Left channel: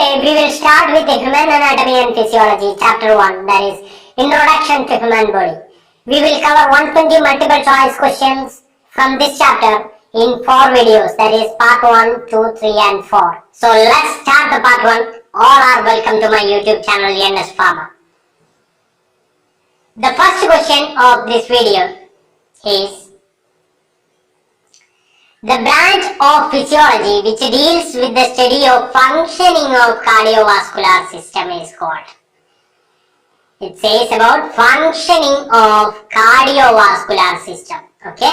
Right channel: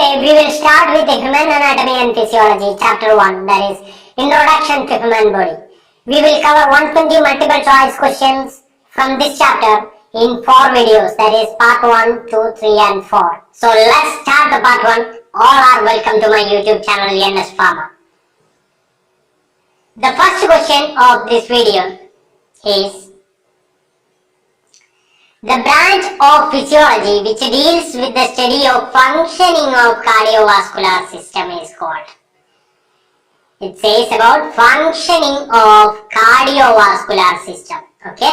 We will start with the human anatomy and physiology, chapter 1, that is Introduction to Human Body. We will cover 120 multiple choice questions from this chapter in 4 videos, that is part 1, 2, 3 and 4. So let's start the part 1. All are welcome to my YouTube channel NS Pharma. The first question of this video is: the branch of physiology which deals with the study of functioning of cardiovascular system is called. It says about functioning of cardiovascular system. Okay.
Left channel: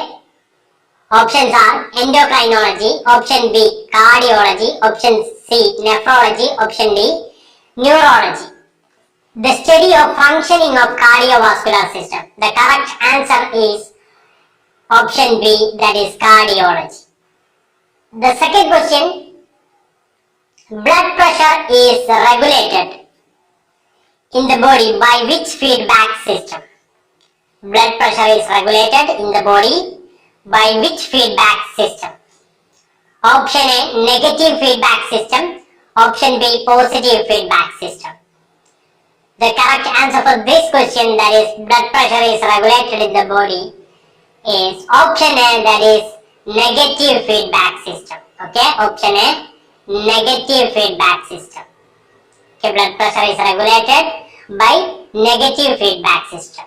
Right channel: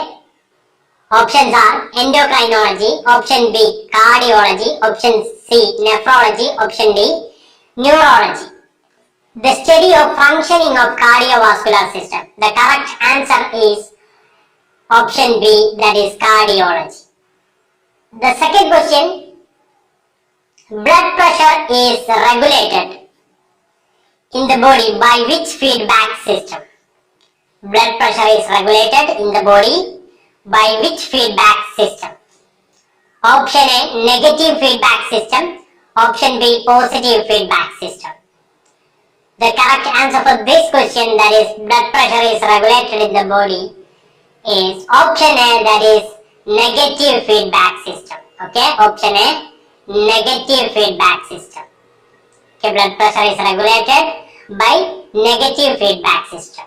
Options are endocrinology, option B cardiology, option C nephrology, option D neurology. The study of functioning of cardiovascular system. The correct answer is option B, that is cardiology. The second question: blood pressure is regulated in the body by which feedback system? Blood pressure is regulated in the body by which feedback system? Option A, negative feedback system. Option B, positive feedback system. The correct answer for this question, that is blood pressure is regulated in the body, is option A, that is negative feedback system. Okay, option A, negative feedback system. Okay, blood pressure is regulated by negative feedback system.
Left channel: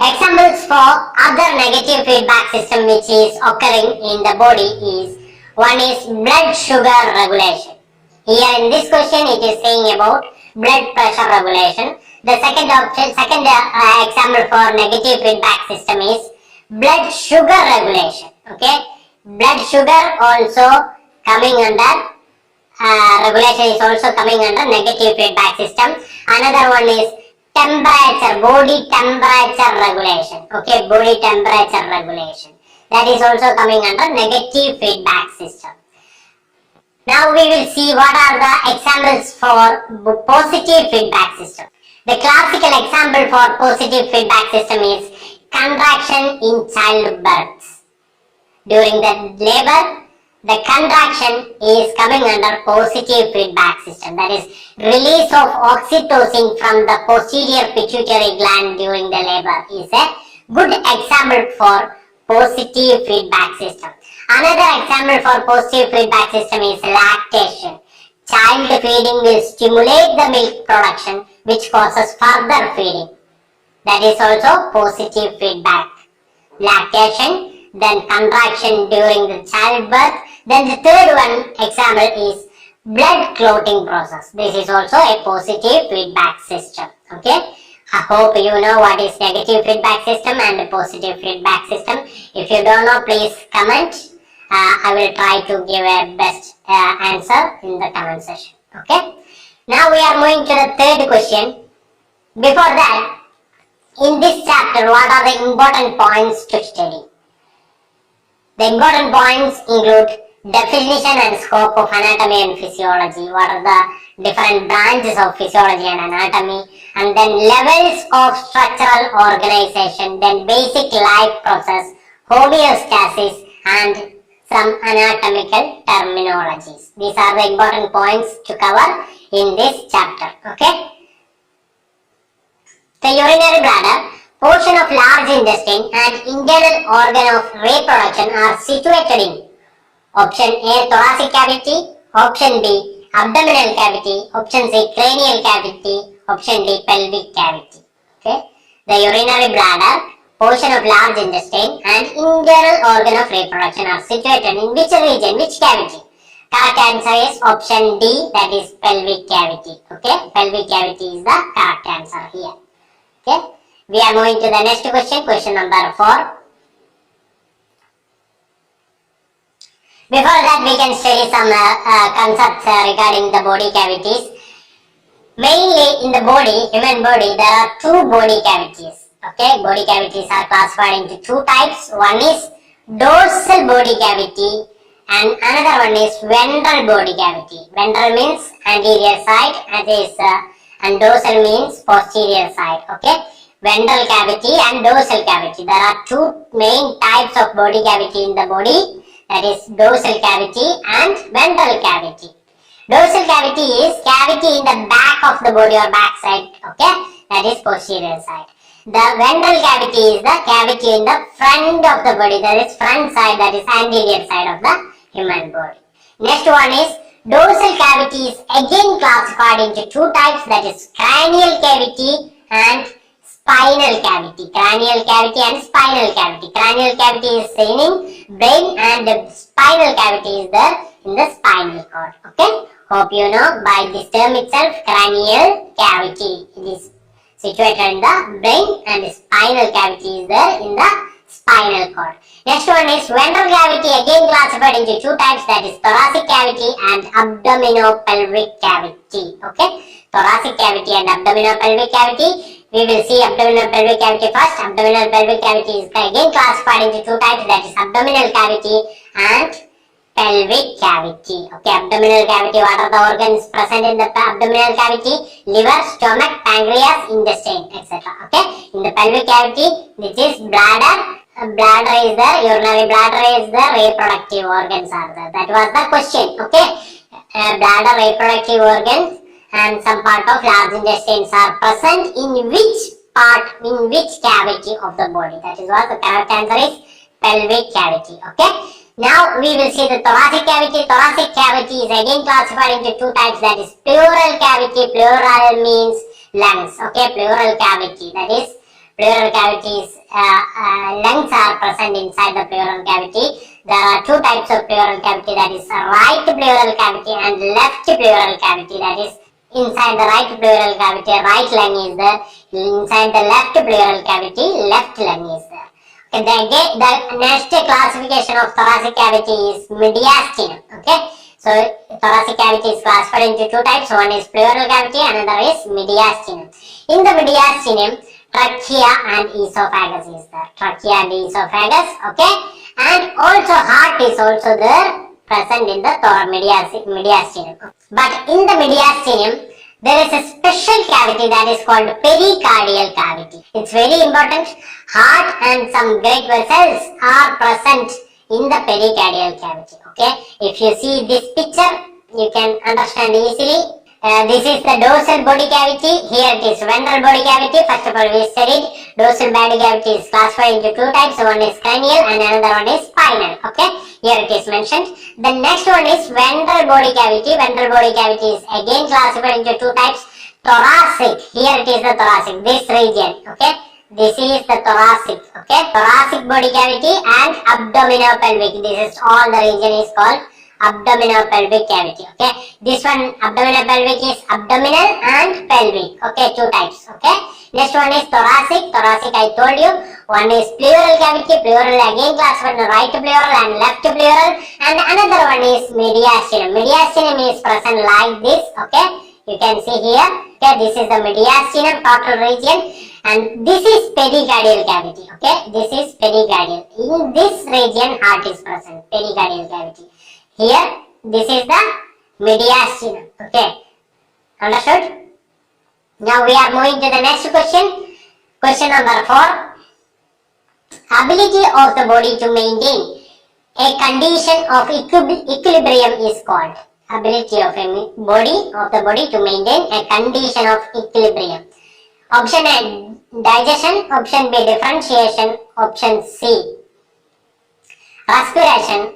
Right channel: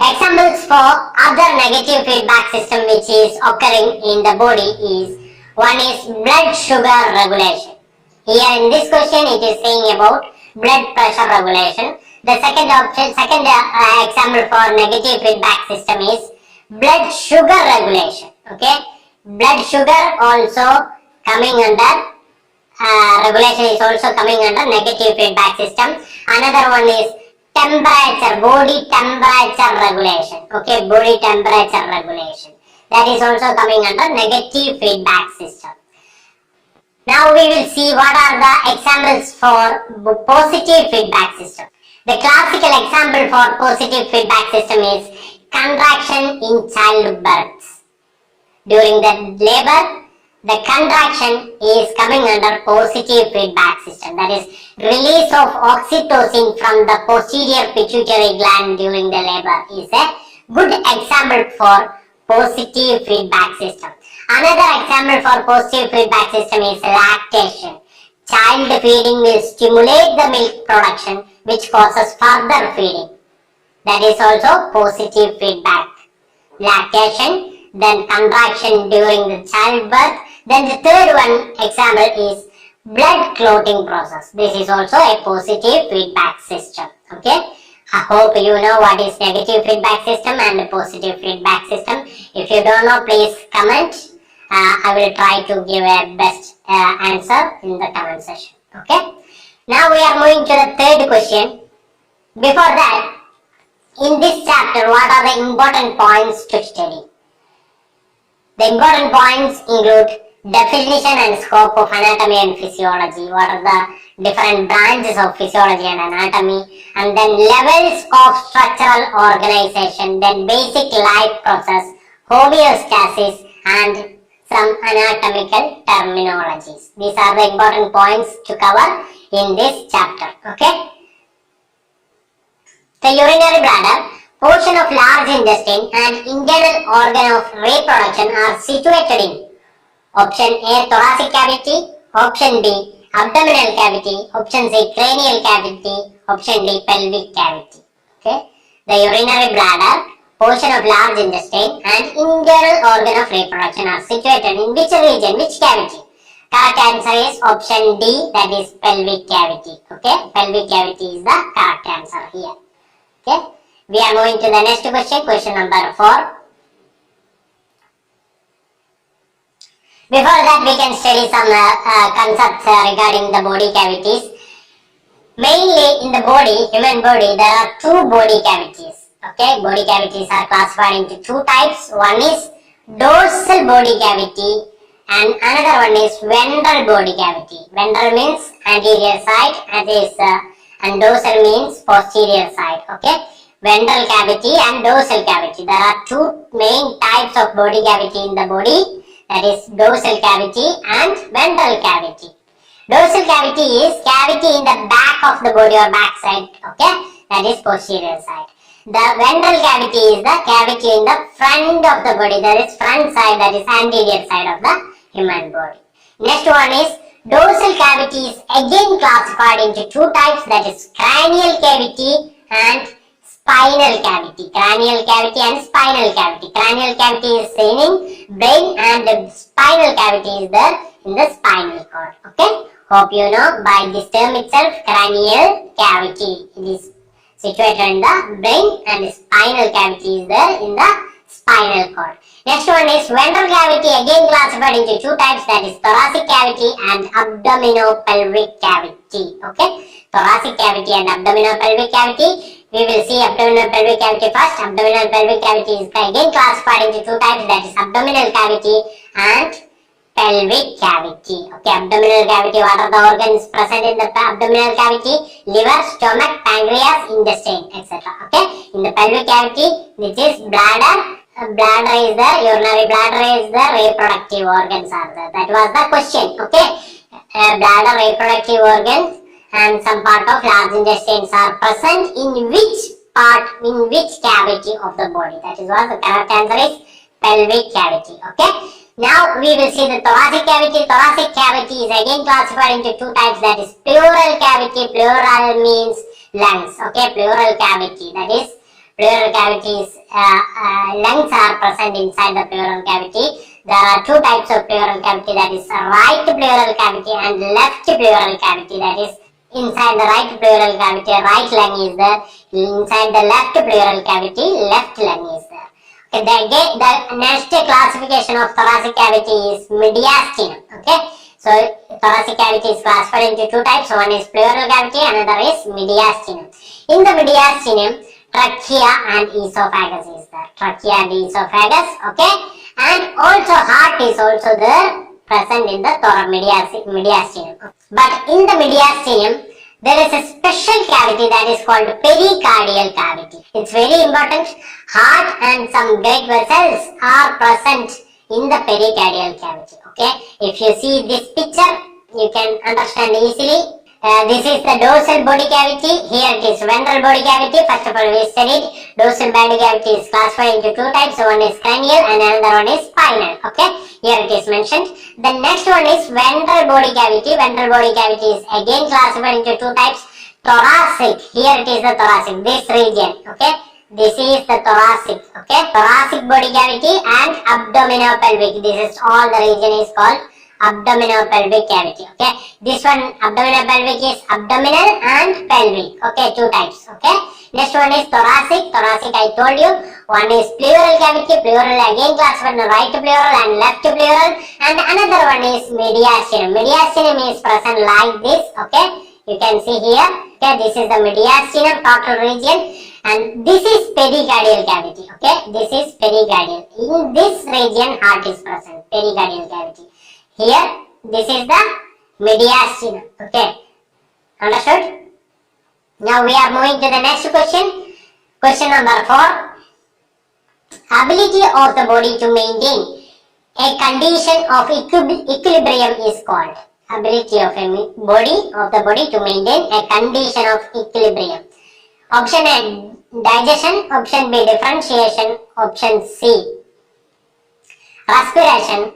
Examples for other negative feedback system which is occurring in the body is: one is blood sugar regulation. Here in this question it is saying about blood pressure regulation. The second example for negative feedback system is blood sugar regulation. Okay, blood sugar also coming under regulation is also coming under negative feedback system. Another one is temperature, body temperature regulation. Okay, body temperature regulation, that is also coming under negative feedback system. Now we will see what are the examples for positive feedback system. The classical example for positive feedback system is contraction in childbirth. During the labor, the contraction is coming under positive feedback system. That is release of oxytocin from the posterior pituitary gland during the labor is a good example for positive feedback system. Another example for positive feedback system is lactation. Child feeding will stimulate the milk production, which causes further feeding. That is also positive feedback. Lactation, then contraction during the childbirth. Then the third one example is blood clotting process. This is also a positive feedback system. Okay. I hope you know what is negative feedback system and positive feedback system. If you don't know, please comment. I will try to give a best answer in the comment section. Okay. Now we are moving to the third question. Before that, in this chapter, what are the important points to study? The important points include definition and scope of anatomy and physiology. What are the different branches of physiology and anatomy? And then levels of structural organization, then basic life process, homeostasis, and some anatomical terminologies. These are the important points to cover in this chapter. Okay. The urinary bladder, portion of large intestine and internal organ of reproduction are situated in option A thoracic cavity, option B abdominal cavity, option C cranial cavity, option D pelvic cavity. Okay. The urinary bladder, portion of large intestine and internal organ of reproduction are situated in which region, which cavity? Correct answer is option D, that is pelvic cavity. Okay, pelvic cavity is the correct answer here. Okay, we are moving to the next question, question number 4. Before that, we can study some concepts regarding the body cavities. Mainly in the body, human body, there are 2 body cavities. Okay, body cavities are classified into 2 types. One is dorsal body cavity and another one is ventral body cavity. Ventral means anterior side and dorsal means posterior side. Okay, ventral cavity and dorsal cavity. There are 2 main types of body cavity in the body, that is dorsal cavity and ventral cavity. Dorsal cavity is cavity in the back of the body or back side. Okay, that is posterior side. The ventral cavity is the cavity in the front of the body, that is front side, that is anterior side of the human body. Next one is dorsal cavity is again classified into two types, that is cranial cavity and spinal cavity. Cranial cavity and spinal cavity. Cranial cavity is seen in brain and the spinal cavity is there in the spinal cord. Okay, hope you know by this term itself, cranial cavity. It is situated in the brain and the spinal cavity is there in the spinal cord. Next one is ventral cavity, again classified into two types, that is thoracic cavity and abdominopelvic cavity. Okay, thoracic cavity and abdominopelvic cavity. We will see abdominopelvic cavity first. Abdominopelvic cavity is again classified into two types, that is abdominal cavity and pelvic cavity. Okay, abdominal cavity, what are the organs present in the abdominal cavity? Liver, stomach, pancreas, intestine, etc. Okay, in the pelvic cavity, which is bladder. Bladder is there, urinary bladder is there, reproductive organs are there. That was the question. Okay, bladder, reproductive organs and some part of large intestines are present in which part, in which cavity of the body? That is what the correct answer is, pelvic cavity. Okay, now we will see the thoracic cavity. Thoracic cavity is again classified into two types, that is pleural cavity. Pleural means lungs. Okay, pleural cavity, that is pleural cavities, lungs are present inside the pleural cavity. There are two types of pleural cavity, that is right pleural cavity and left pleural cavity. That is inside the right pleural cavity, right lung is there. Inside the left pleural cavity, left lung is there. Okay, the next classification of thoracic cavity is mediastinum. Okay, so thoracic cavity is classified into two types. One is pleural cavity, another is mediastinum. In the mediastinum, trachea and esophagus is there. Trachea and esophagus. Okay, and also heart is also there, present in the mediastinum. But in the mediastinum, there is a special cavity that is called pericardial cavity. It's very important. Heart and some great vessels are present in the pericardial cavity. Okay, if you see this picture, you can understand easily. This is the dorsal body cavity. Here it is ventral body cavity. First of all, we studied dorsal body cavity is classified into two types. One is cranial and another one is spinal. Okay, here it is mentioned. The next one is ventral body cavity. Ventral body cavity is again classified into two types. Thoracic. Here it is the thoracic. This region. Okay, this is the thoracic. Okay, thoracic body cavity and abdominopelvic. This is all the region is called abdominopelvic cavity. Okay, this one abdominopelvic is abdominal and pelvic. Okay, two types. Okay, next one is thoracic. Thoracic I told you. One is pleural cavity. Pleural again classified in right pleural and left pleural, and another one is mediastinum. Mediastinum is present like this. Okay, you can see here. Okay, this is the mediastinum total region, and this is pericardial cavity. Okay, this is pericardial. In this region, heart is present. Pericardial cavity. Here, this is the mediastinum. Okay, understood? Now we are moving to the next question. Question number 4. Ability of the body to maintain a condition of equilibrium is called. Ability of a body to maintain a condition of equilibrium. Option A, digestion. Option B, differentiation. Option C, respiration.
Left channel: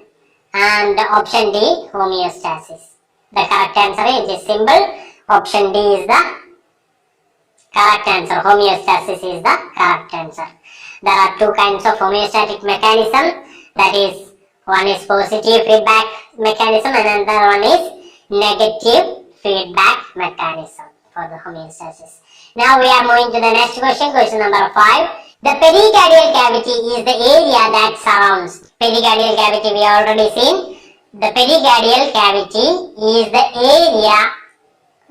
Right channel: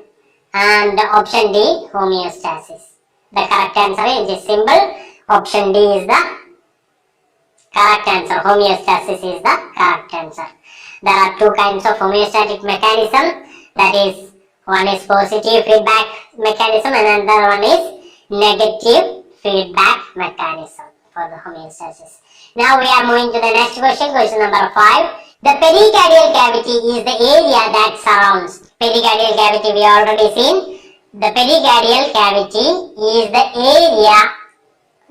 And option D, homeostasis. The correct answer is simple. Option D is the correct answer. Homeostasis is the correct answer. There are two kinds of homeostatic mechanism. That is, one is positive feedback mechanism and another one is negative feedback mechanism for the homeostasis. Now we are moving to the next question. Question number 5. The pericardial cavity is the area that surrounds. Pericardial cavity we already seen. The pericardial cavity is the area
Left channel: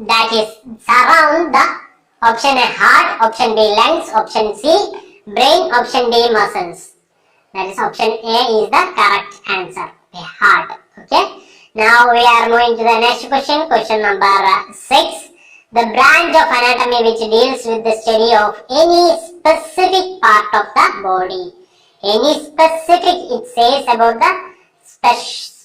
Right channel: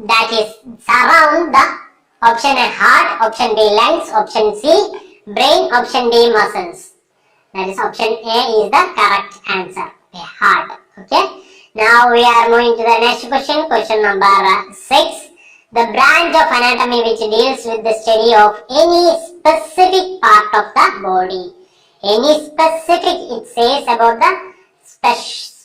that is surround the option A heart, option B lungs, option C brain, option D muscles. That is option A is the correct answer. The heart. Okay. Now we are moving to the next question. Question number 6. The branch of anatomy which deals with the study of any specific part of the body. Any specific, it says about the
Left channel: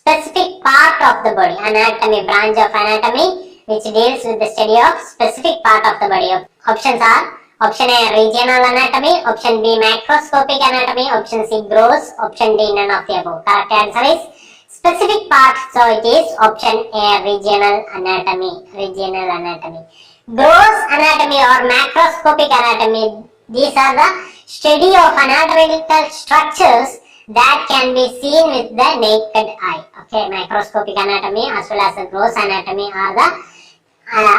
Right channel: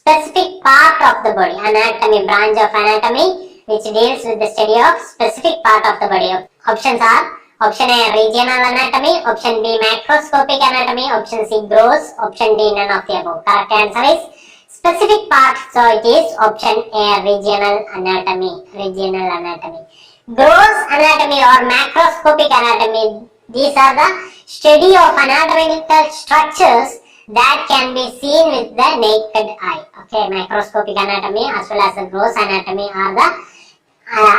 specific part of the body. Anatomy, branch of anatomy which deals with the study of specific part of the body. Options are option A, regional anatomy, option B, macroscopic anatomy, option C, gross, option D, none of the above. Correct answer is specific part, so it is option A, regional anatomy. Regional anatomy. Gross anatomy or macroscopic anatomy, these are the study of anatomical structures that can be seen with the naked eye. Okay, macroscopic anatomy as well as the gross anatomy are the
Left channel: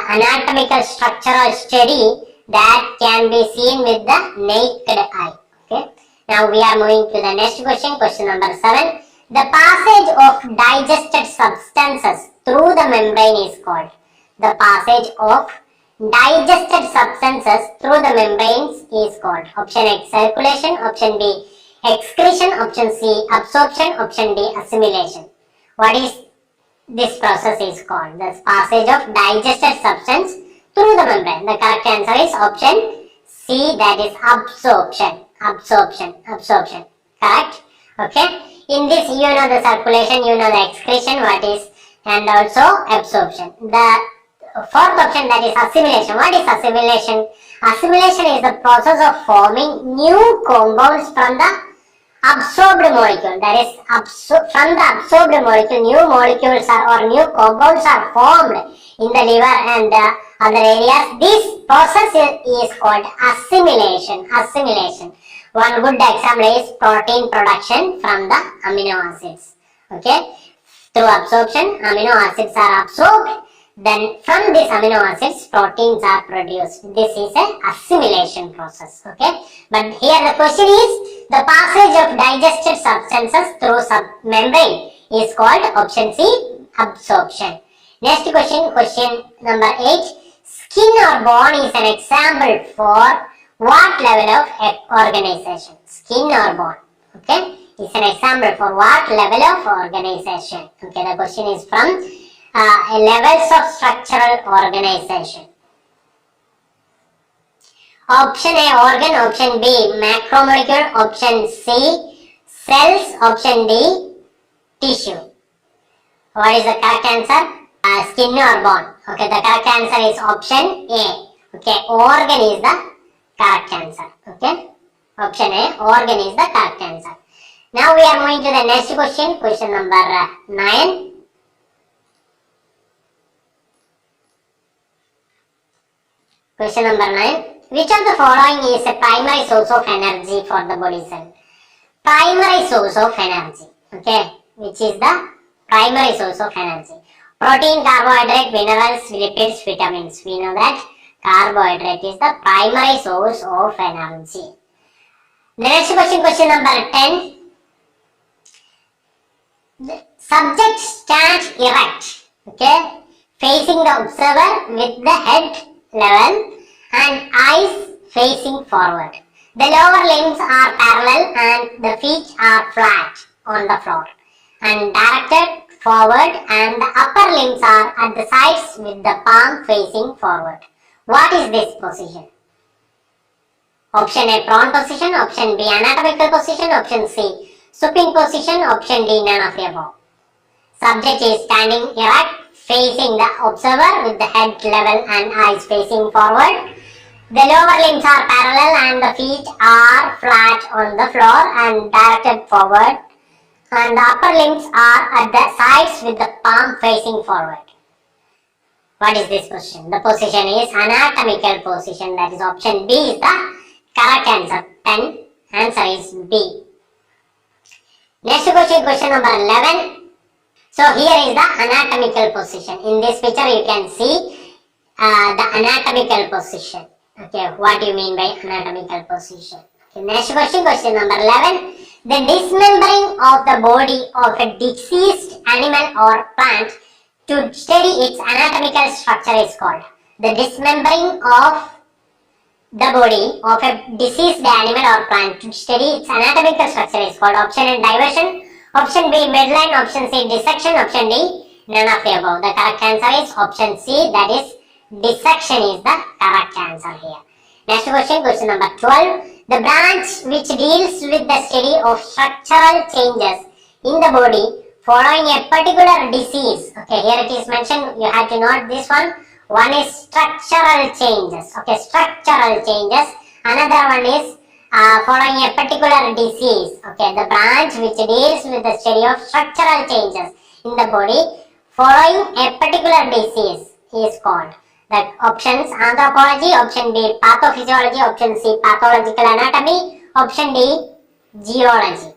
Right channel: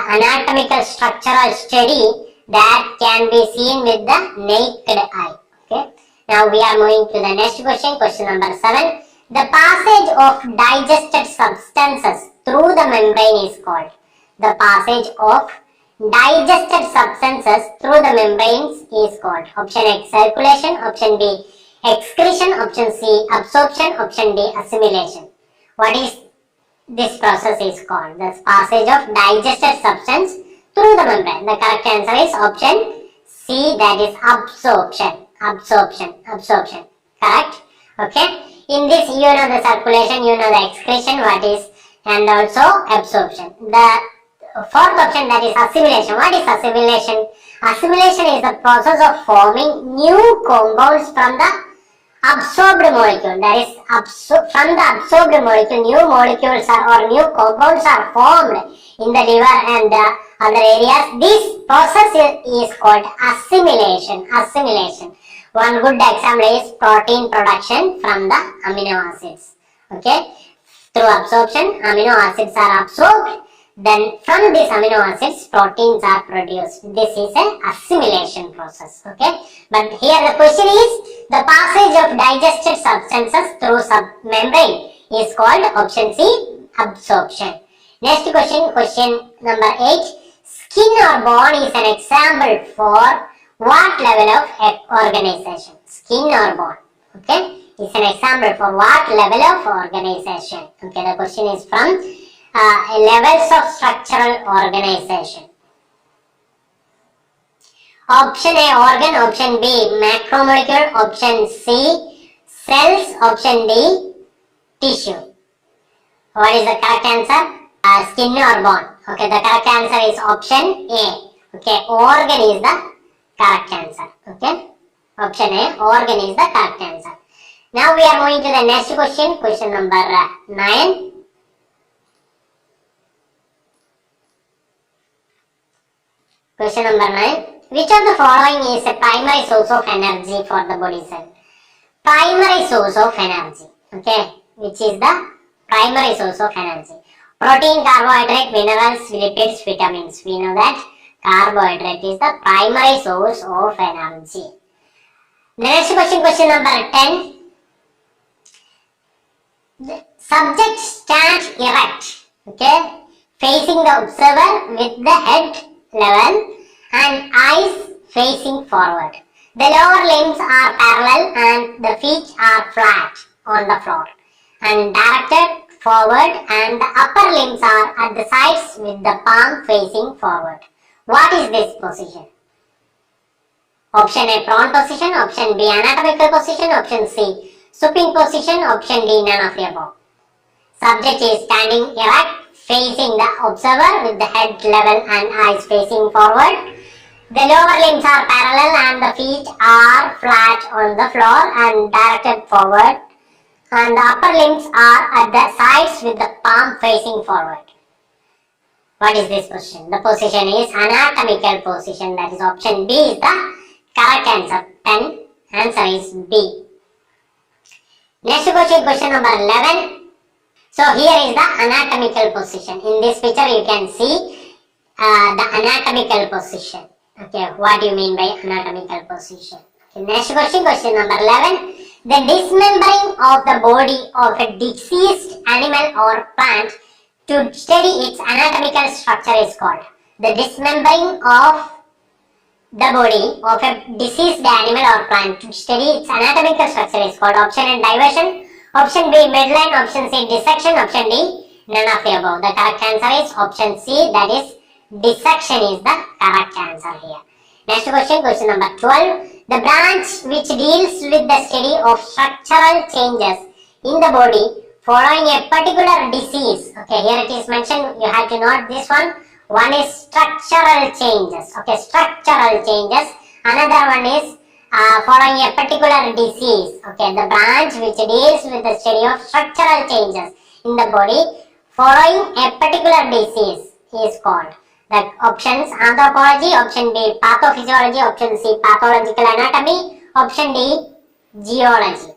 anatomical structural study that can be seen with the naked eye. Okay, now we are moving to the next question, question number 7. The passage of digested substances through the membrane is called. The passage of digested substances through the membranes is called. Option A, circulation, option B, excretion, option C, absorption, option D, assimilation. What is this process is called? The passage of digested substance through the membrane. The correct answer is option C, that is absorption. Absorption. Correct? Okay. In this, you know the circulation, you know the excretion, what is, and also absorption. The fourth option, that is assimilation. What is assimilation? Assimilation is the process of forming new compounds from the absorbed molecule. That is, from the absorbed molecule, new molecules or new compounds are formed in the liver and other areas. This process is called assimilation. One good example is protein production from the amino acids. Okay, through absorption, amino acids are absorbed. Then from these amino acids, proteins are produced. This is a assimilation process. Okay, but here the question is the passage of digested substances through membrane is called option C, absorption. Next question, question number 8. Skin or bone is an example for what level of organization? Skin or bone, okay, is an example for what level of organization? Okay, the question is from levels of structural organization. Option A, organ, option B, macromolecule, option C, cells, option D, tissue. What is the correct answer? Skin or bone. Okay, the correct answer is option A. Okay, organ is the correct answer. Okay, option A, organ is the correct answer. Now we are moving to the next question, question number 9. Question number 9. Which of the following is a primary source of energy for the body cell? Primary source of energy. Okay, which is the primary source of energy? Protein, carbohydrate, minerals, lipids, vitamins. We know that carbohydrate is the primary source of energy. The next question, question number 10. The subject stands erect, okay, facing the observer with the head level and eyes facing forward. The lower limbs are parallel and the feet are flat on the floor and directed forward, and the upper limbs are at the sides with the palm facing forward. What is this position? Option A, prone position, option B, anatomical position, option C, supine position, option D, none of the above. Subject is standing erect, facing the observer with the head level and eyes facing forward. The lower limbs are parallel and the feet are flat on the floor and directed forward, and the upper limbs are at the sides with the palm facing forward. What is this position? The position is anatomical position, that is option B is the correct answer. 10. Answer is B. Next question, question number 11. So here is the anatomical position. In this picture you can see the anatomical position. Okay, what do you mean by anatomical position? Okay, next question, question number 11. The dismembering of the body of a deceased animal or plant to study its anatomical structure is called. The dismembering of the body of a deceased animal or plant to study its anatomical structure is called. Option A, diversion, option B, midline, option C, dissection, option D, none of the above. The correct answer is option C, that is dissection is the correct answer here. Next question, question number 12. The branch which deals with the study of structural changes in the body following a particular disease. Okay, here it is mentioned, you have to note this one. One is structural changes. Okay, structural changes. Another one is following a particular disease. Okay, the branch which deals with the study of structural changes in the body following a particular disease is called. The options: anthropology, option B pathophysiology, option C pathological anatomy, option D geology.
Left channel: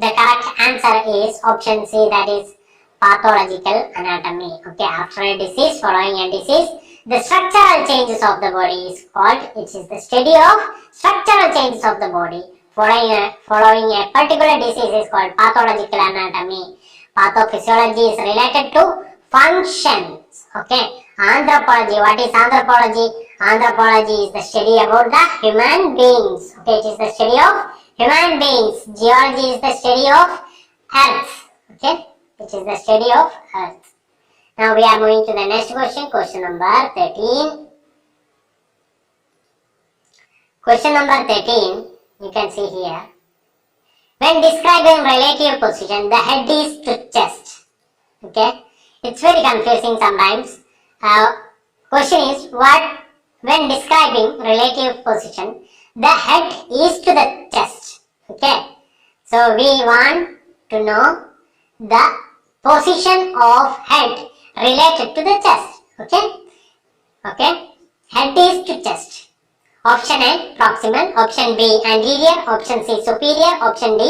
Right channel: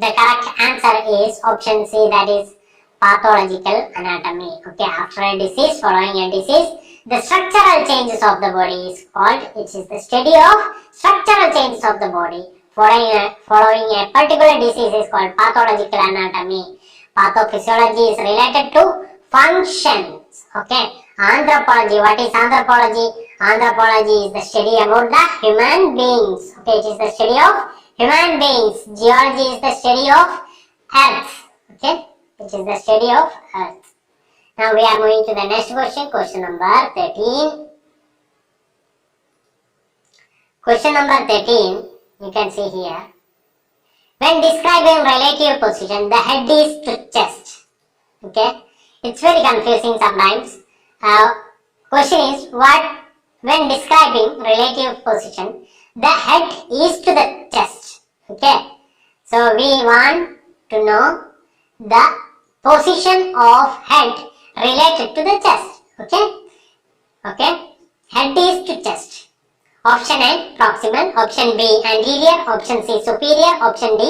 The correct answer is option C, that is pathological anatomy. Okay, after a disease, following a disease, the structural changes of the body is called, it is the study of structural changes of the body following a particular disease is called pathological anatomy. Pathophysiology is related to functions. Okay, anthropology, what is anthropology? Anthropology is the study about the human beings. Okay, it is the study of human beings. Geology is the study of earth. Okay, it is the study of earth. Now we are moving to the next question, question number 13. Question number 13, you can see here. When describing relative position, the head is to chest. Okay, it's very confusing sometimes. Question is, what when describing relative position, the head is to the chest. Okay, so we want to know the position of head related to the chest. Okay, head is to chest. Option A proximal, option B anterior, option C superior, option D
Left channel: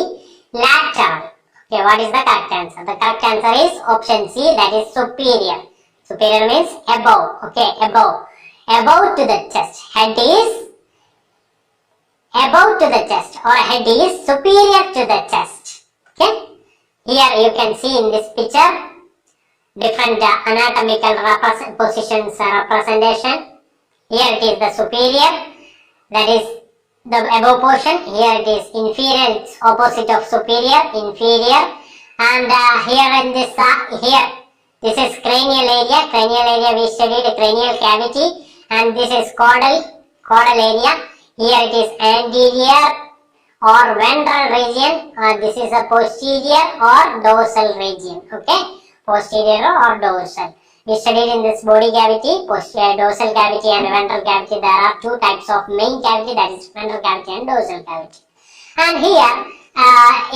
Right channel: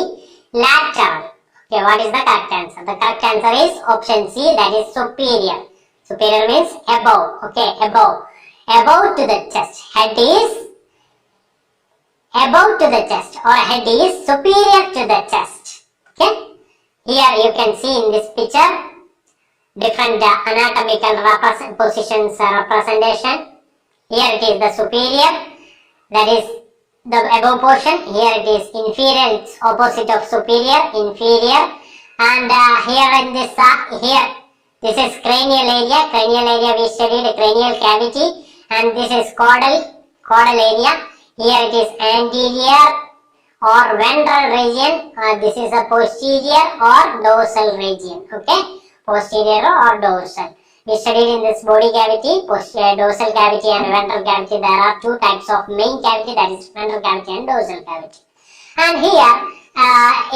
lateral. Okay, what is the correct answer? The correct answer is option C, that is superior. Superior means above. Okay, above to the chest. Head is above to the chest, or head is superior to the chest. Okay, here you can see in this picture different anatomical positions representation. Here it is the superior, that is the above portion. Here it is inferior, it's opposite of superior, inferior. And here in this this is cranial area. Cranial area we studied cranial cavity, and this is caudal area. Here it is anterior or ventral region. This is a posterior or dorsal region. Okay, posterior or dorsal. We studied in this body cavity, dorsal cavity and ventral cavity. There are two types of main cavity, that is ventral cavity and dorsal cavity. And here,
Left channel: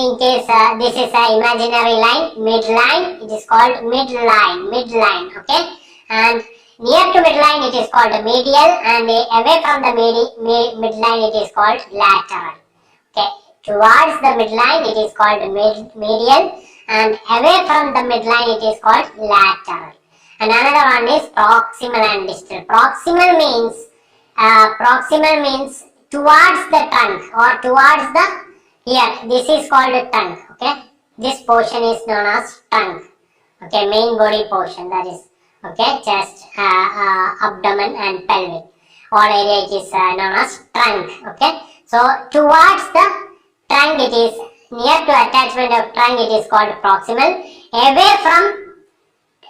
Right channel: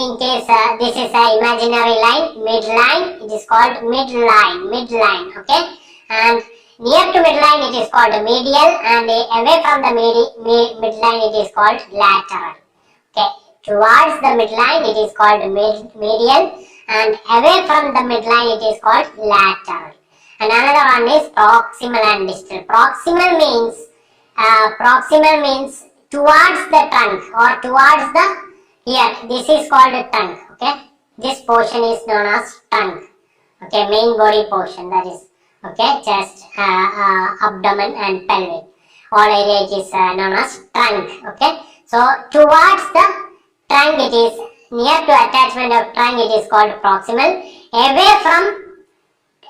in case this is an imaginary line, midline, it is called midline. Okay, and near to midline it is called medial, and away from the midline it is called lateral. Okay, towards the midline it is called medial, and away from the midline it is called lateral. And another one is proximal and distal. Proximal means towards the trunk or towards the, here this is called trunk. Okay, this portion is known as trunk. Okay, main body portion, that is okay, chest, abdomen and pelvic. All area it is known as trunk. Okay, so towards the trunk it is, near to attachment of trunk it is called proximal. Away from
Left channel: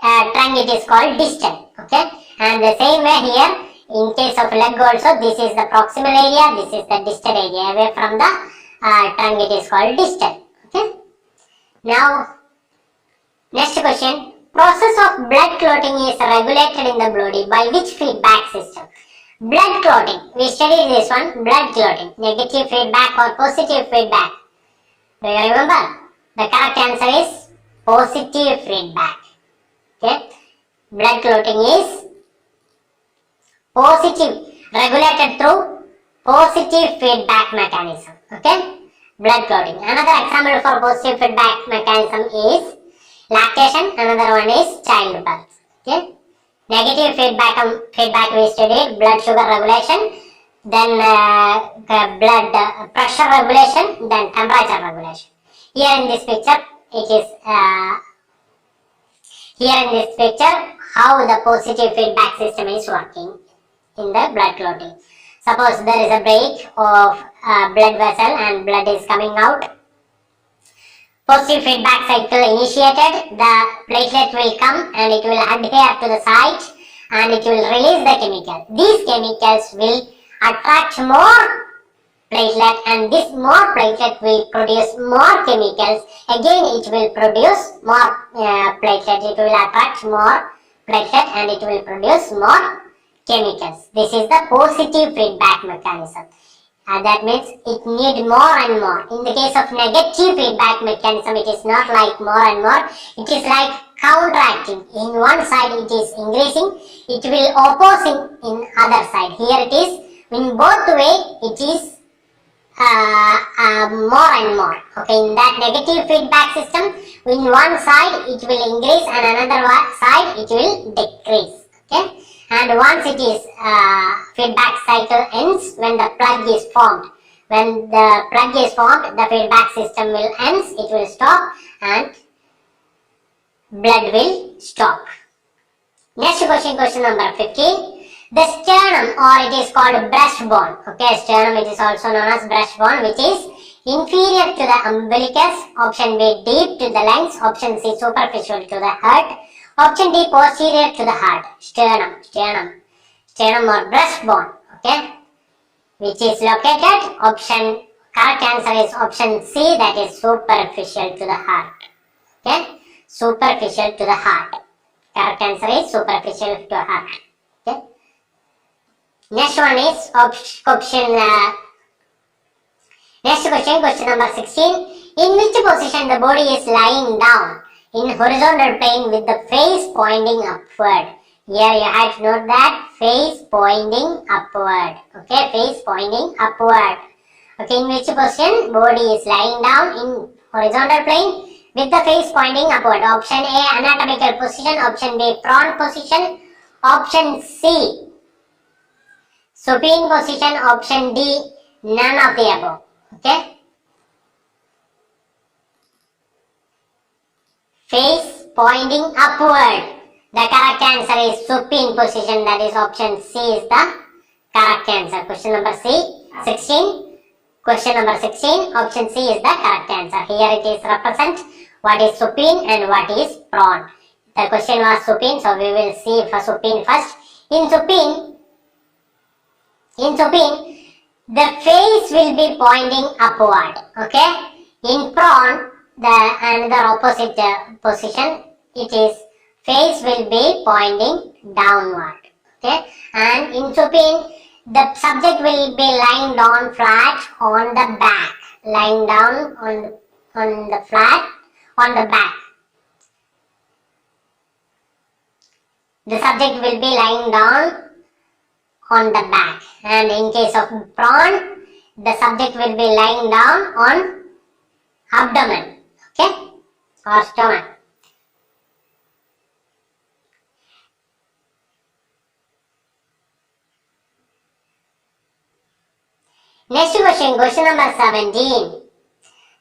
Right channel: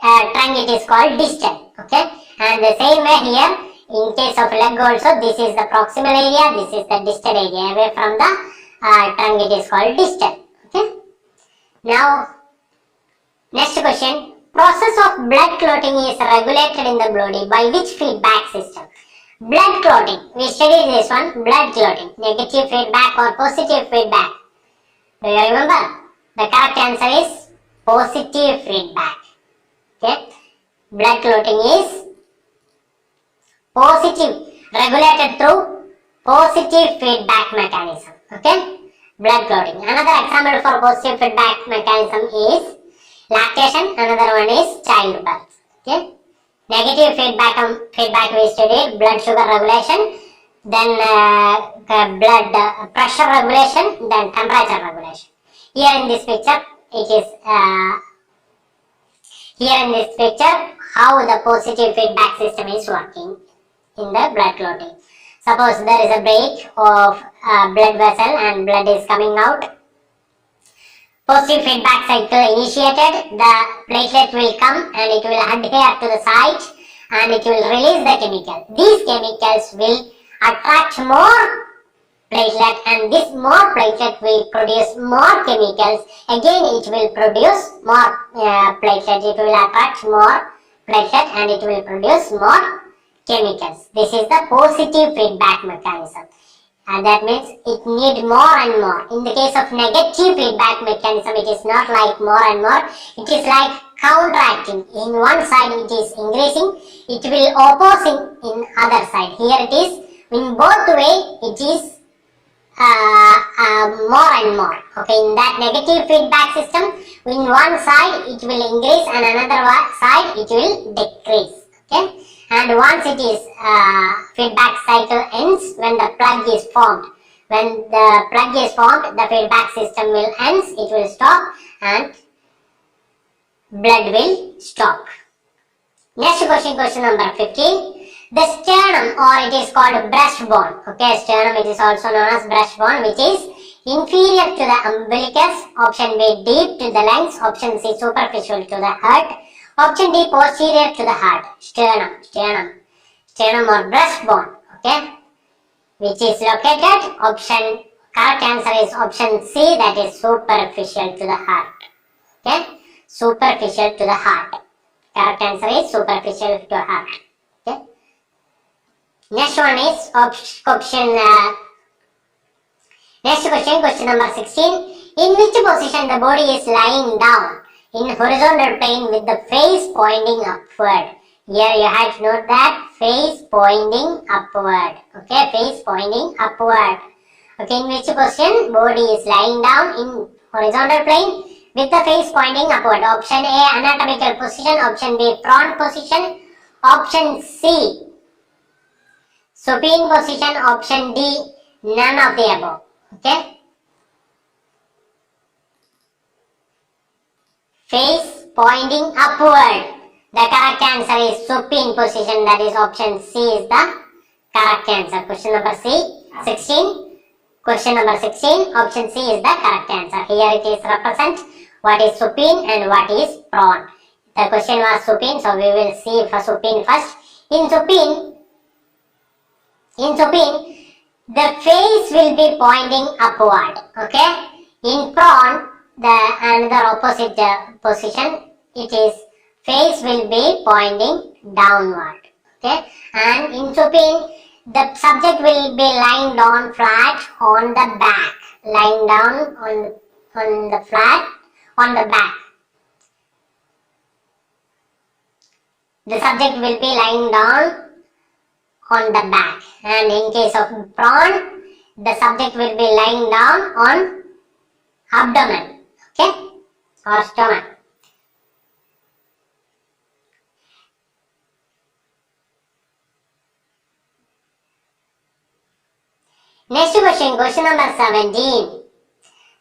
trunk it is called distal. Okay, and the same way here, in case of leg also, this is the proximal area, this is the distal area. Away from the trunk it is called distal. Okay, now next question. Process of blood clotting is regulated in the body by which feedback system? Blood clotting, we studied this one, blood clotting, negative feedback or positive feedback. Do you remember? The correct answer is positive feedback. Okay, blood clotting is positive, regulated through positive feedback mechanism. Okay, blood clotting. Another example for positive feedback mechanism is lactation. Another one is childbirth. Okay, negative feedback we studied blood sugar regulation, then blood pressure regulation, then temperature regulation. Here in this picture, it is how the positive feedback system is working in the blood clotting. Suppose there is a break of blood vessel and blood is coming out. Positive feedback cycle initiated, the platelet will come and it will adhere to the site and it will release the chemical. These chemicals will attract more platelet, and this more platelet will produce more chemicals. Again, it will produce more platelet. It will attract more platelet and it will produce more chemicals. This is the positive feedback mechanism. And that means it needs more and more. In the case of negative feedback mechanism, it is not like more and more. It is like counteracting. In one side it is increasing, it will opposing in other side. Here it is in both way it is more and more. Okay, in that negative feedback system, in one side it will increase and another side it will decrease. Okay, and once it is feedback cycle ends when the plug is formed. When the plug is formed, the feedback system will ends, it will stop and blood will stop. Next question, question number 15. The sternum, or it is called breastbone. Okay, sternum, it is also known as breastbone, which is inferior to the umbilicus. Option B, deep to the lungs. Option C, superficial to the heart. Option D, posterior to the heart. Sternum or breastbone. Okay, which is located. Correct answer is option C, that is superficial to the heart. Okay, superficial to the heart. Correct answer is superficial to the heart. Okay. Next one is question number 16. In which position the body is lying down? In horizontal plane with the face pointing upward. Here you have to note that face pointing upward. Okay, face pointing upward. Okay, in which position body is lying down? In horizontal plane with the face pointing upward. Option A, anatomical position. Option B, prone position. Option C, supine position. Option D, none of the above. Okay, face pointing upward. The correct answer is supine position, that is option C is the correct answer. Question number 16. Question number 16, option C is the correct answer. Here it is represent what is supine and what is prone. The question was supine, so we will see for supine first. In supine, the face will be pointing upward. Okay. In prone, the another opposite position, it is face will be pointing downward. Okay. And in supine, the subject will be lying down flat on the back. Lying down on the flat on the back. The subject will be lying down on the back, and in case of prone, the subject will be lying down on abdomen, okay, or stomach. Next question, question number 17.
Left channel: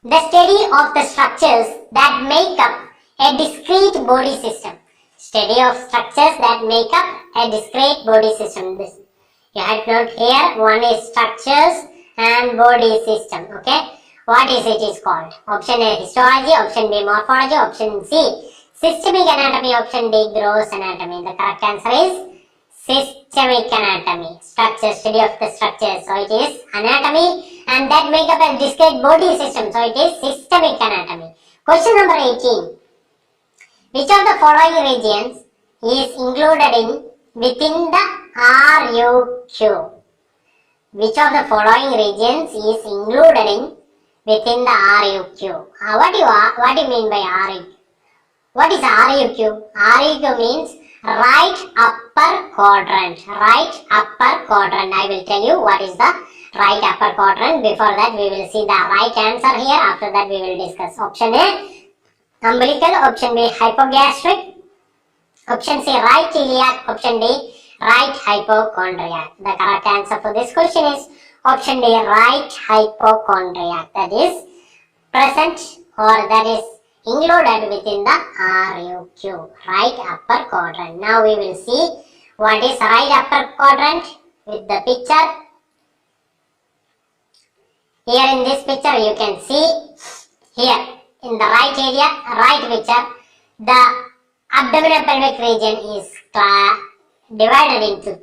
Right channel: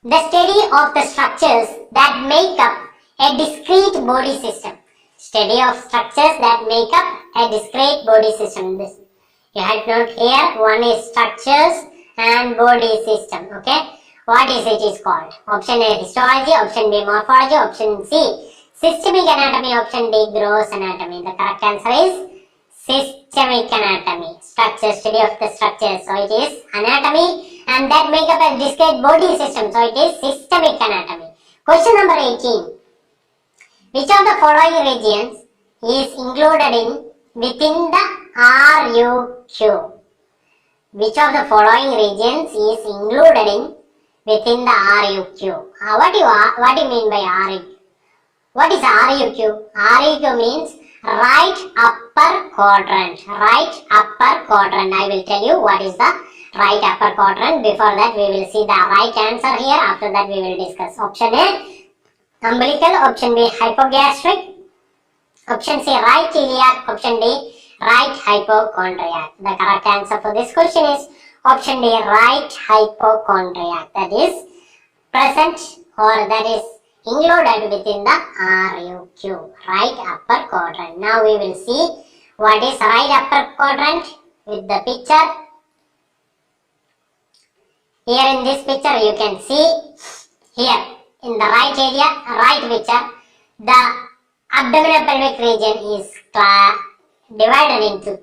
The study of the structures that make up a discrete body system. Study of structures that make up a discrete body system. This you have to note here. One is structures and body system. Okay, what is it is called? Option A, histology. Option B, morphology. Option C, systemic anatomy. Option D, gross anatomy. The correct answer is systemic anatomy. Structure, study of the structures. So it is anatomy and that make up a discrete body system. So it is systemic anatomy. Question number 18. Which of the following regions is included within the RUQ? Which of the following regions is included within the RUQ? What do you mean by RUQ? What is RUQ? RUQ means right upper quadrant. Right upper quadrant. I will tell you what is the right upper quadrant. Before that we will see the right answer here. After that we will discuss. Option A, umbilical. Option B, hypogastric. Option C, right iliac. Option D, right hypochondriac. The correct answer for this question is option D, right hypochondriac. That is present or that is included within the RUQ, right upper quadrant. Now we will see what is right upper quadrant with the picture. Here in this picture you can see here in the right area, right picture, the abdominal pelvic region is divided into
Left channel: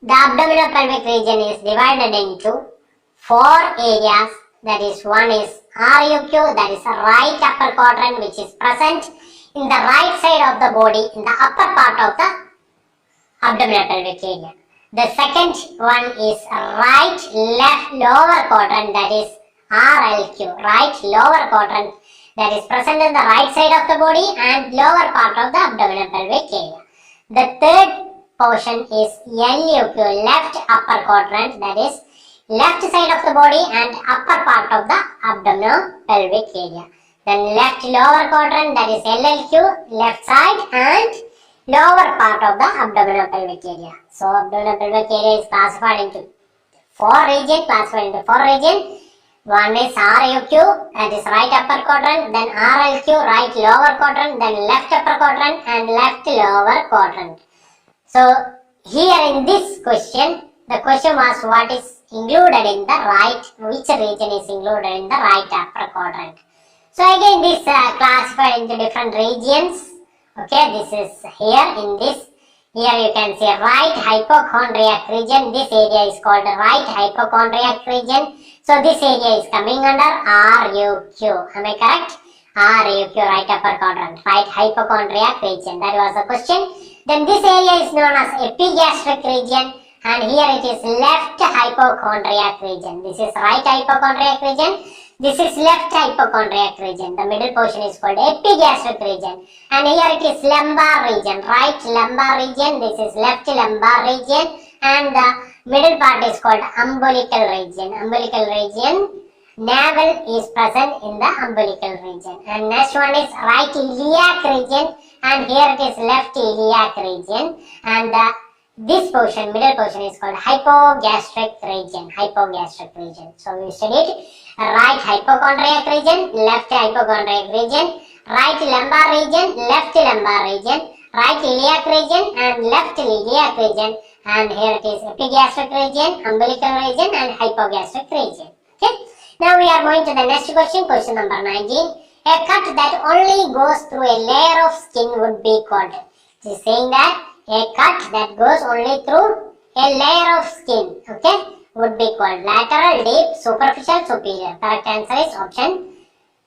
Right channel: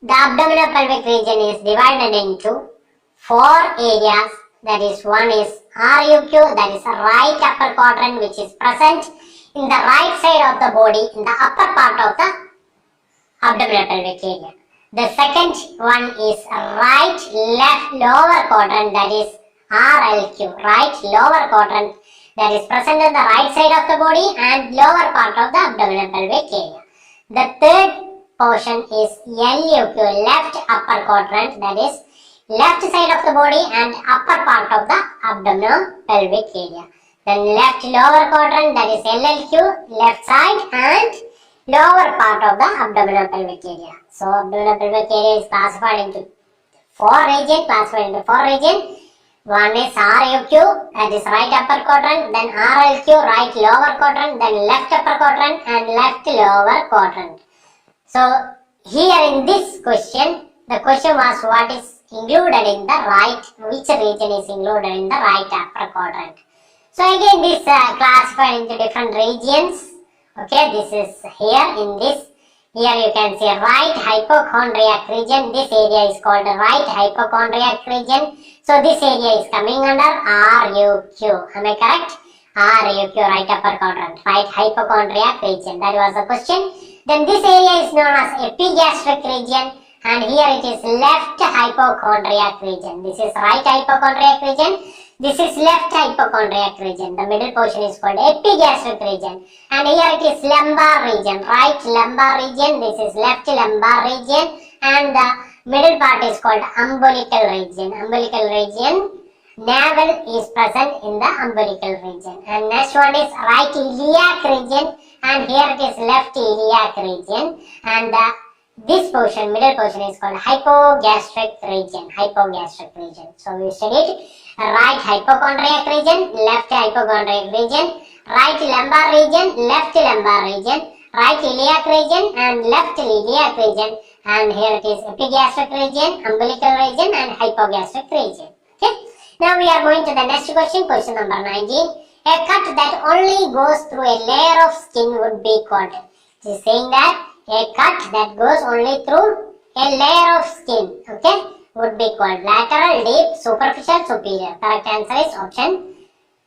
The abdominopelvic region is divided into 4 areas. That is, one is RUQ, that is right upper quadrant, which is present in the right side of the body in the upper part of the abdominopelvic area. The second one is right left lower quadrant, that is RLQ, right lower quadrant, that is present in the right side of the body and lower part of the abdominopelvic area. The third portion is LUQ, left upper quadrant, that is left side of the body and upper part of the abdominopelvic area. Then left lower quadrant, that is LLQ, left side and lower part of the abdominopelvic area. So abdominopelvic area is classified into 4 regions. One is RUQ, that is right upper quadrant, then RLQ, right lower quadrant, then left upper quadrant and left lower quadrant. So here in this question, the question was what is included in the right, which region is included in the right upper quadrant. So again this classified into different regions. Okay, this is here in this. Here you can see right hypochondriac region. This area is called right hypochondriac region. So this area is coming under RUQ. Am I correct? RUQ, right upper quadrant, right hypochondriac region. That was the question. Then this area is known as epigastric region, and here it is left hypochondriac region. This is right hypochondriac region. This is left hypochondriac region. The middle portion is called epigastric region. And here it is lumbar region, right lumbar region. This is left lumbar region. And the middle part is called umbilical region. Umbilical region. Navel is present in the umbilical region. And next one is right iliac region. And here it is left iliac region. And this portion, middle portion is called hypogastric region. Hypogastric region. So we studied right hypochondriac region, left hypochondriac region, right lumbar region, left lumbar region, right iliac region and left iliac region, and here it is epigastric region, umbilical region and hypogastric region. Okay. Now we are going to the next question, question number 19. A cut that only goes through a layer of skin would be called. It is saying that a cut that goes only through a layer of skin, okay, would be called lateral, deep, superficial, superior. Correct answer is option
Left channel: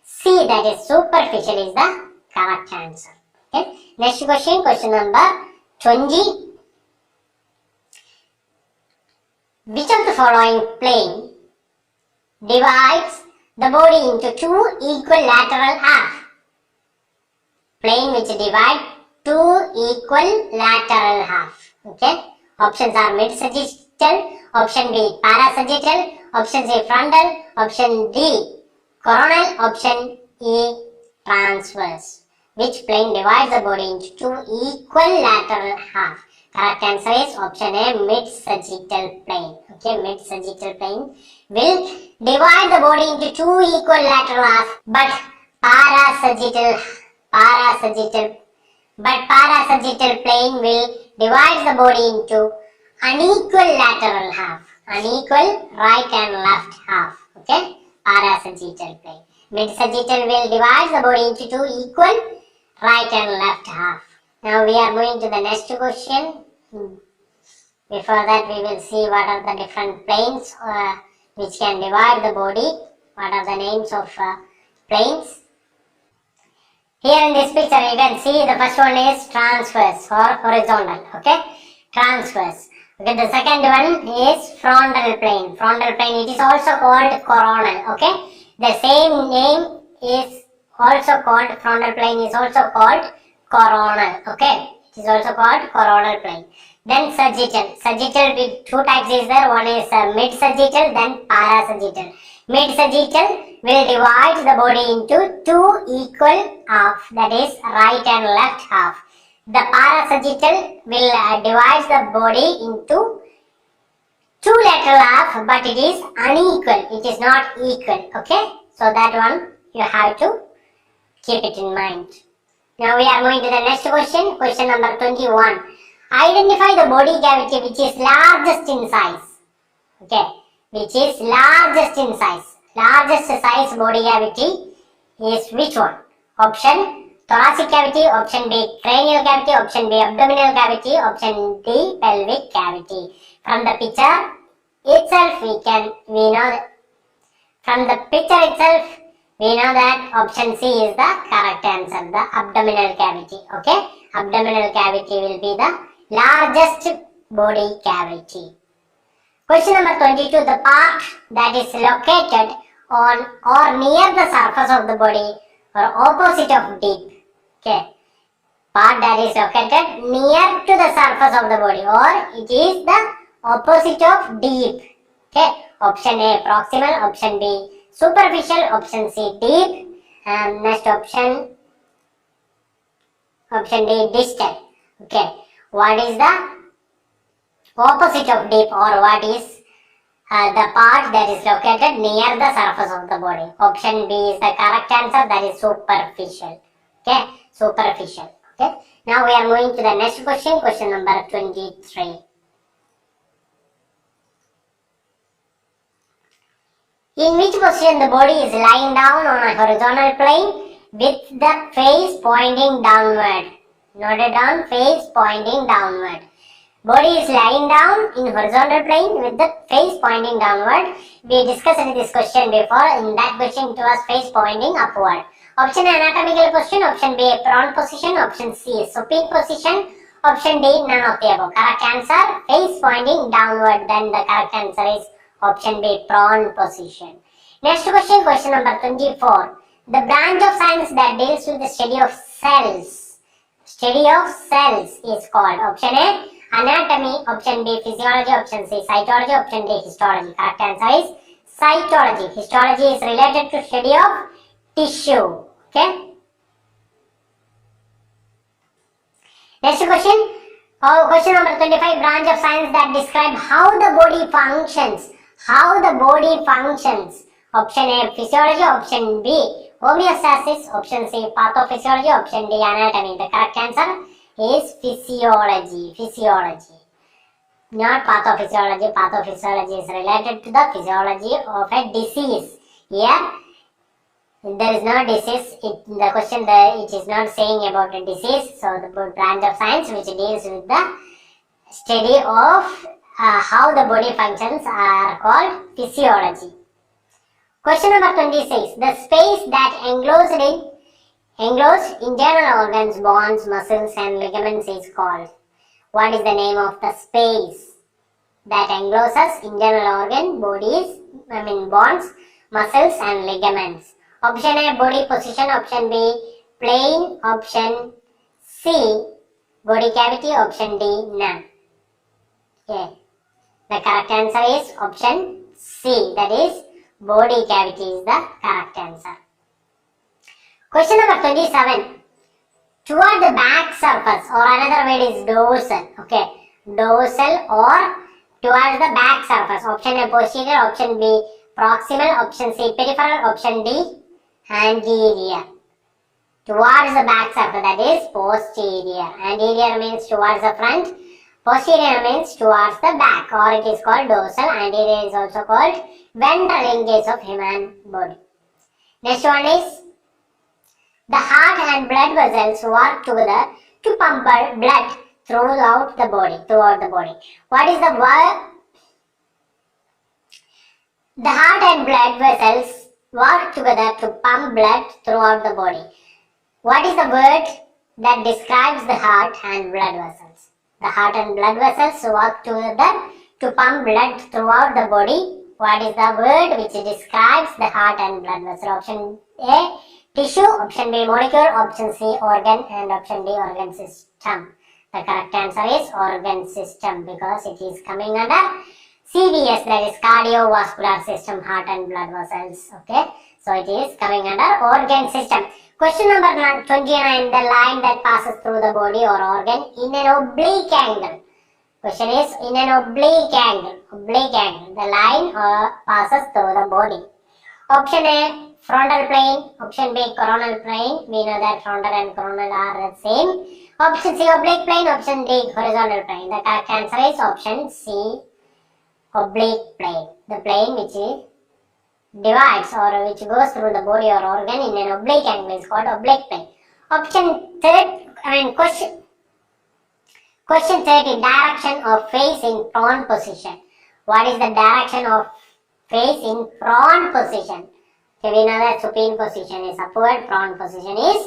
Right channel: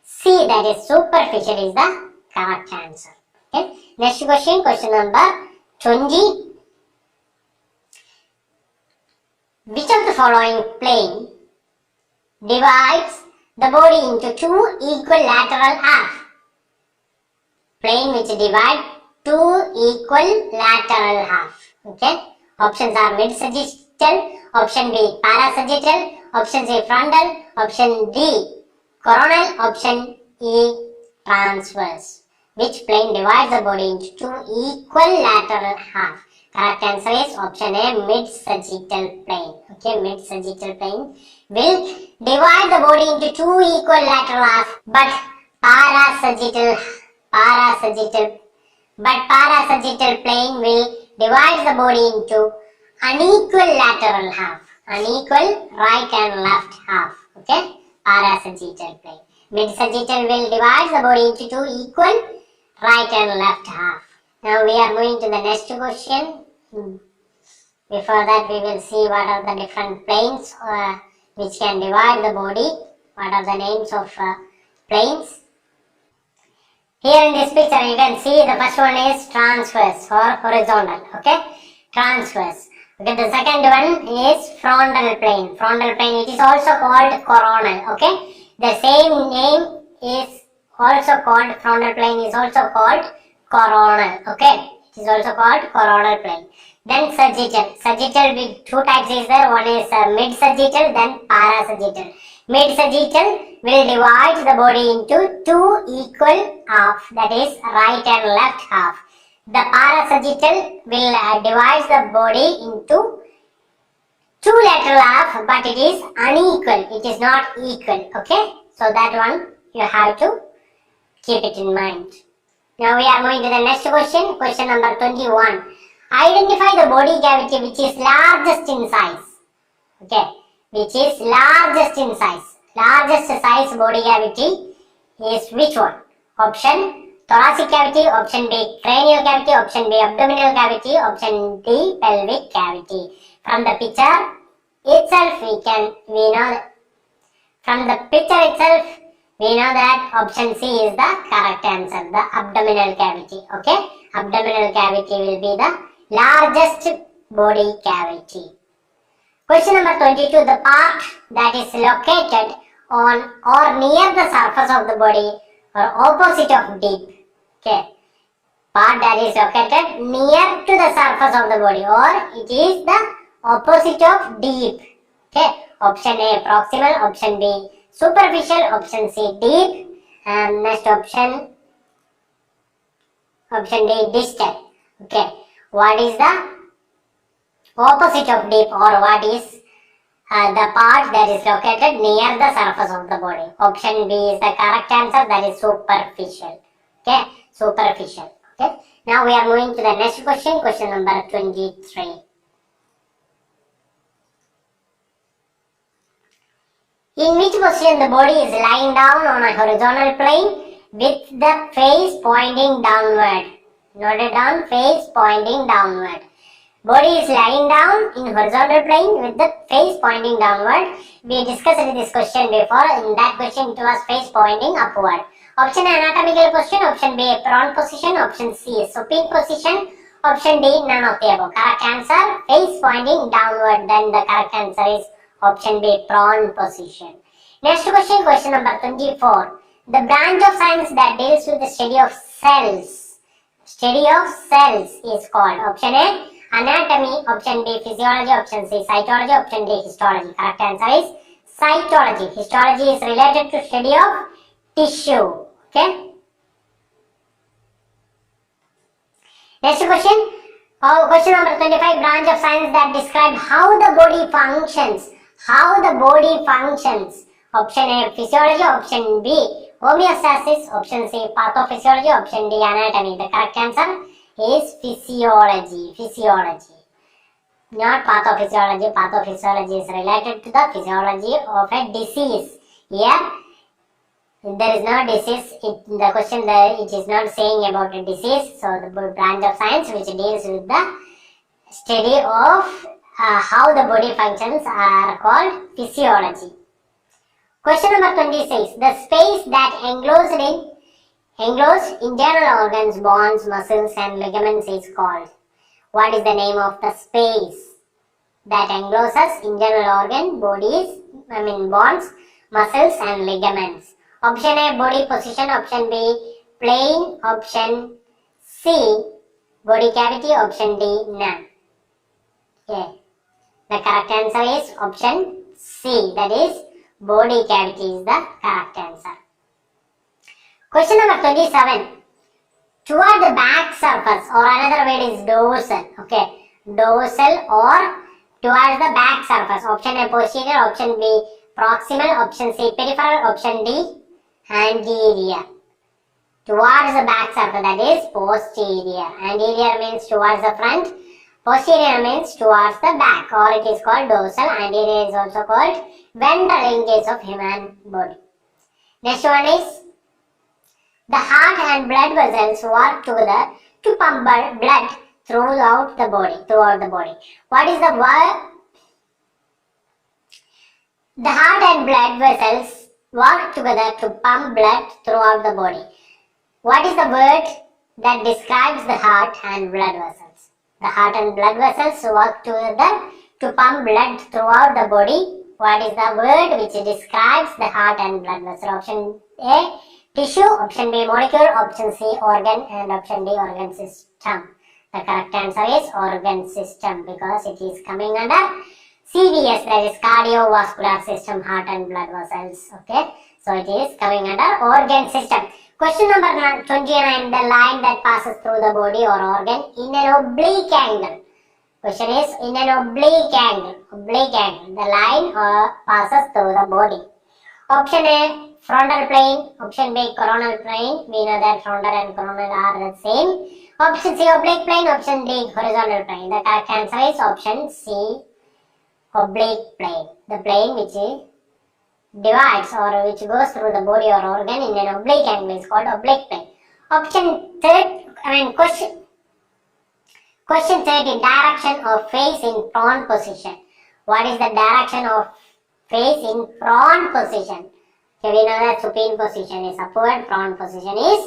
C, that is superficial is the correct answer. Okay. Next question, question number 20. Which of the following plane divides the body into 2 equal lateral halves? Plane which divide 2 equal lateral halves. Okay. Options are mid-sagittal, option B parasagittal, option C frontal, option D coronal, option E transverse. Which plane divides the body into 2 equal lateral halves? Correct answer is option A, mid-sagittal plane. Okay, mid-sagittal plane will divide the body into 2 equal lateral halves, but parasagittal plane will divide the body into unequal lateral half, unequal right and left half. Okay, parasagittal plane. Mid-sagittal will divide the body into 2 equal right and left half. Now we are moving to the next question. Before that we will see what are the different planes which can divide the body. What are the names of planes? Here in this picture you can see the first one is transverse or horizontal. Okay, transverse. Okay, the second one is frontal plane. Frontal plane, it is also called coronal. Okay, the same name is also called, frontal plane is also called coronal. Okay, it is also called coronal plane. Then sagittal. Sagittal with 2 types is there. One is mid-sagittal, then parasagittal. Mid-sagittal will divide the body into 2 equal halves, that is right and left half. The parasagittal will divide the body into 2 lateral halves, but it is unequal. It is not equal. Okay, so that one you have to keep it in mind. Now we are moving to the next question, question number 21. Identify the body cavity which is largest in size. Okay, which is largest in size. Largest size body cavity is which one? Option thoracic cavity, option B cranial cavity, option B abdominal cavity, option D pelvic cavity. From the picture itself, we know that from the picture itself, we know that option C is the correct answer, the abdominal cavity. Okay, abdominal cavity will be the largest body cavity. Question number 22, the part that is located on or near the surface of the body or opposite of deep. Okay, part that is located near to the surface of the body or it is the opposite of deep. Okay, option A proximal, option B superficial, option C deep, and next option D distal. Okay, what is the opposite of deep or what is the part that is located near the surface of the body? Option B is the correct answer, that is superficial. Okay, superficial. Okay, now we are moving to the next question, question number 23. In which position the body is lying down on a horizontal plane with the face pointing downward? Note it down, face pointing downward. Body is lying down in horizontal plane with the face pointing downward. We discussed this question before. In that question it was face pointing upward. Option A anatomical position, option B prone position, option C supine position, option D none of the above. Correct answer face pointing downward. Then the correct answer is option B prone position. Next question, question number 24. The branch of science that deals with the study of cells is called option A anatomy, option B physiology, option C cytology, option D histology. Correct answer is cytology. Histology is related to study of tissue. Okay. Next question. Question number 25. Branch of science that describe how the body functions. How the body functions. Option A physiology, option B homeostasis, option C pathophysiology, option D anatomy. The correct answer is physiology. Physiology, not pathophysiology. Pathophysiology is related to the physiology of a disease. Here there is no disease. The question it is not saying about a disease. So the branch of science which deals with the study of how the body functions are called physiology. Question number 26. The space that enclosed internal organs, bones, muscles and ligaments is called. What is the name of the space that encloses internal organ, bones, muscles and ligaments? Option A body position, option B plane, option C body cavity, option D none. Okay. The correct answer is option C, that is body cavity is the correct answer. Question number 27. Toward the back surface or another word is dorsal. Okay, dorsal or towards the back surface. Option A posterior, option B proximal, option C peripheral, option D anterior. Towards the back surface, that is posterior. Anterior means towards the front. Posterior means towards the back, or it is called dorsal. Anterior is also called ventral in case of human body. Next one is the heart and blood vessels work together to pump blood throughout the body. What is the word? The heart and blood vessels work together to pump blood throughout the body. What is the word that describes the heart and blood vessels? The heart and blood vessels work together to pump blood throughout the body. What is the word which describes the heart and blood vessel? Option A tissue, option B molecule, option C organ and option D organ system. The correct answer is organ system because it is coming under CVS, that is cardiovascular system, heart and blood vessels. Okay, so it is coming under organ system. Question number 29. The line that passes through the body or organ in an oblique angle. Question is in an oblique angle. The line passes through the body. Option A frontal plane, option B coronal plane. We know that frontal and coronal are the same. Option C oblique plane, option D horizontal plane. The correct answer is option C oblique plane. The plane which divides or which goes through the body or organ in an oblique angle is called oblique plane. Question Question 30. Direction of face in prone position. What is the direction of face in prone position? Okay, we know that supine position is upward, prone position is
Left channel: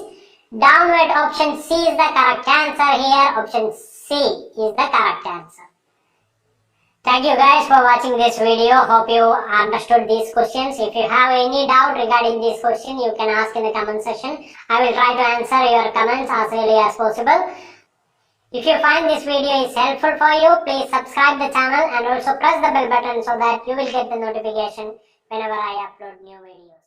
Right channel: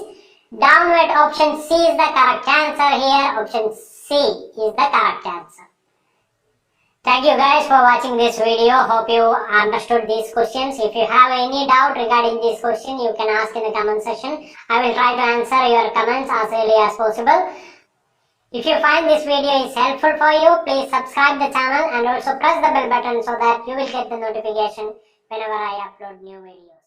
downward. Option C is the correct answer here. Option C is the correct answer. Thank you guys for watching this video. Hope you understood these questions. If you have any doubt regarding this question, you can ask in the comment section. I will try to answer your comments as early as possible. If you find this video is helpful for you, please subscribe the channel and also press the bell button so that you will get the notification whenever I upload new videos.